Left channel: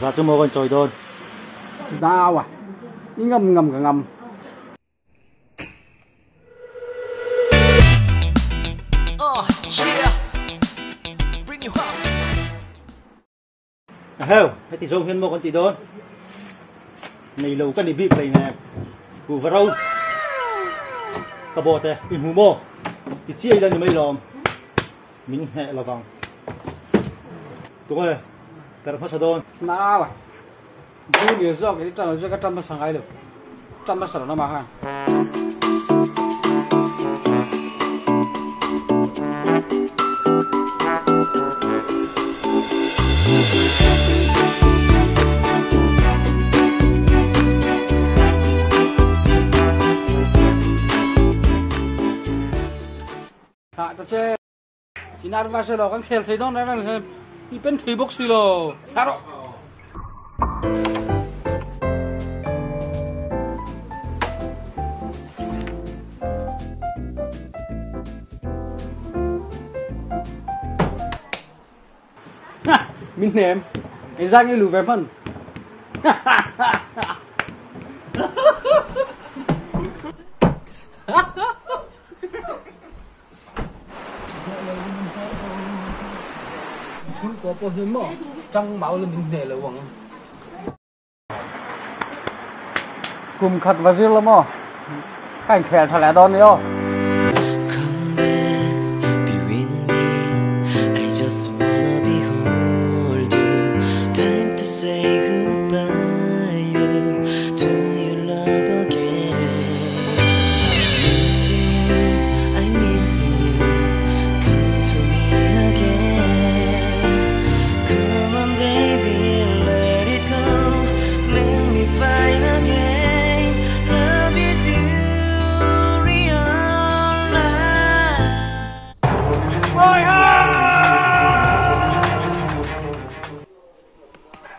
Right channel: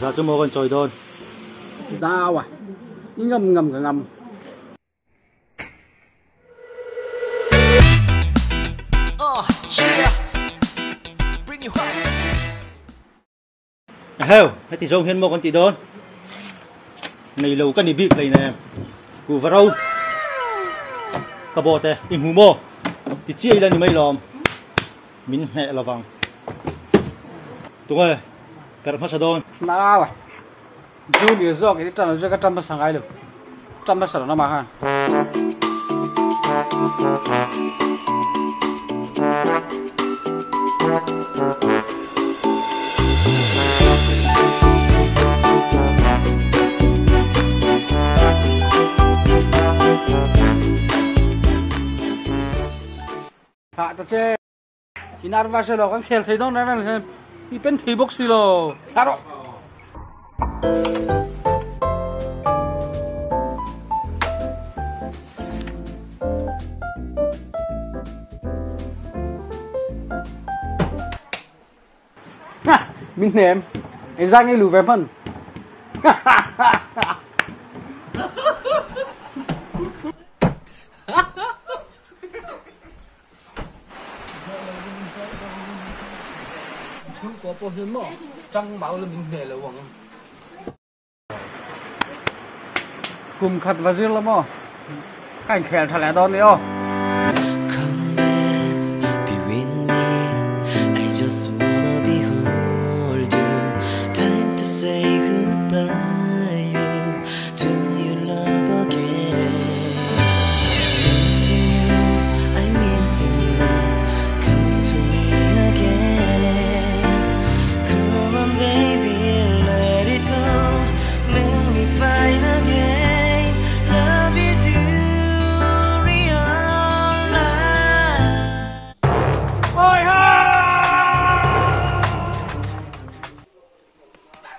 Dạ tôi mua con trồi đôn. Đau à? Ngâm ngâm cả ngâm. Heo, hãy thì dùng hiên mua con tí đôn. Này lâu cần đi bịp này nè. Cú vào đâu? Cả bộ thế, in hú mô. Thì chia lên thì mấy lòm. Mình hẹ là vàng. Tunggu ya. Carrom masa đôn. Đau à? Tôi bây giờ cái trận là cho cái trận mà sang ai được. Trận mà sang nó mà ha. Hạ cho chơi. Inar va selo kan khel thei don na na i pen thei box silo. Saro. Mình ném. Cái ra ngay lù về phân. Không có bao nhiêu mà trong máu là mình để là vòng cùng khát và riêng lắm mà cảnh khỏe thật là đòn đi ô.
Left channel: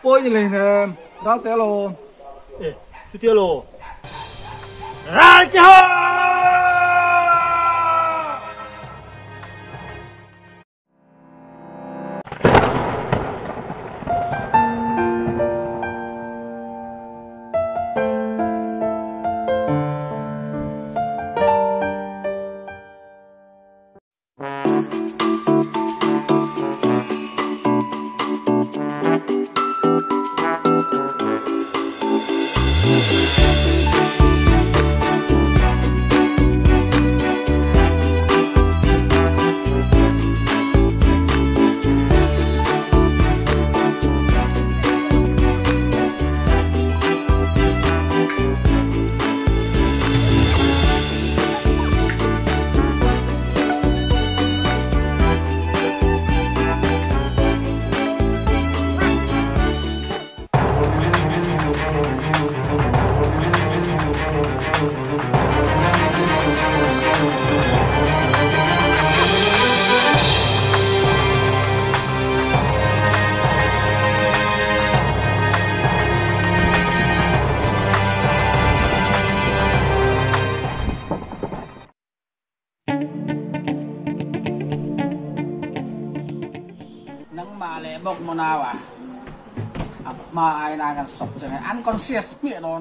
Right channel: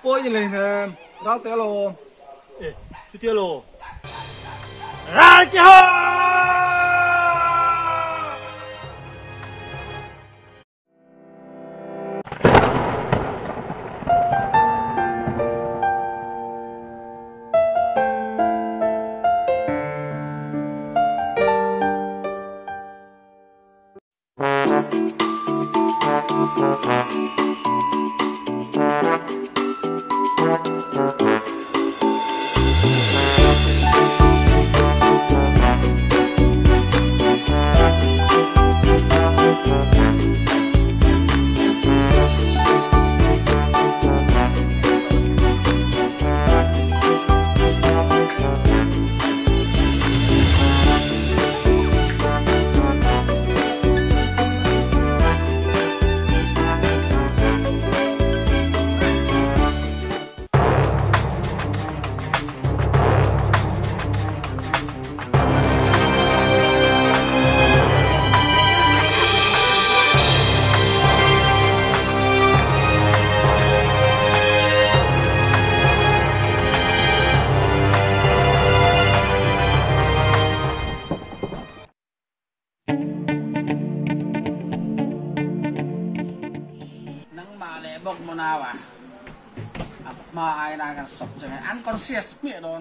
Ôi như này nè, rau té lô. Ê, chú tiêu lô. Ra kia hô! Bốc mà nào à? Mà ai đang cần sọc chẳng hay ăn con xe miệng đó.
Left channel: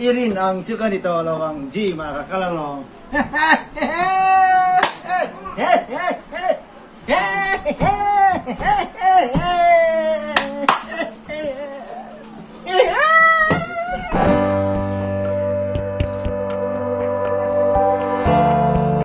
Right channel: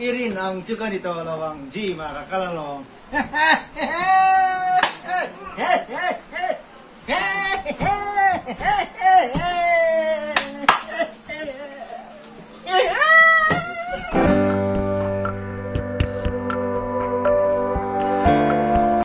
Irin ang chukan ito lawang ji makakalalong.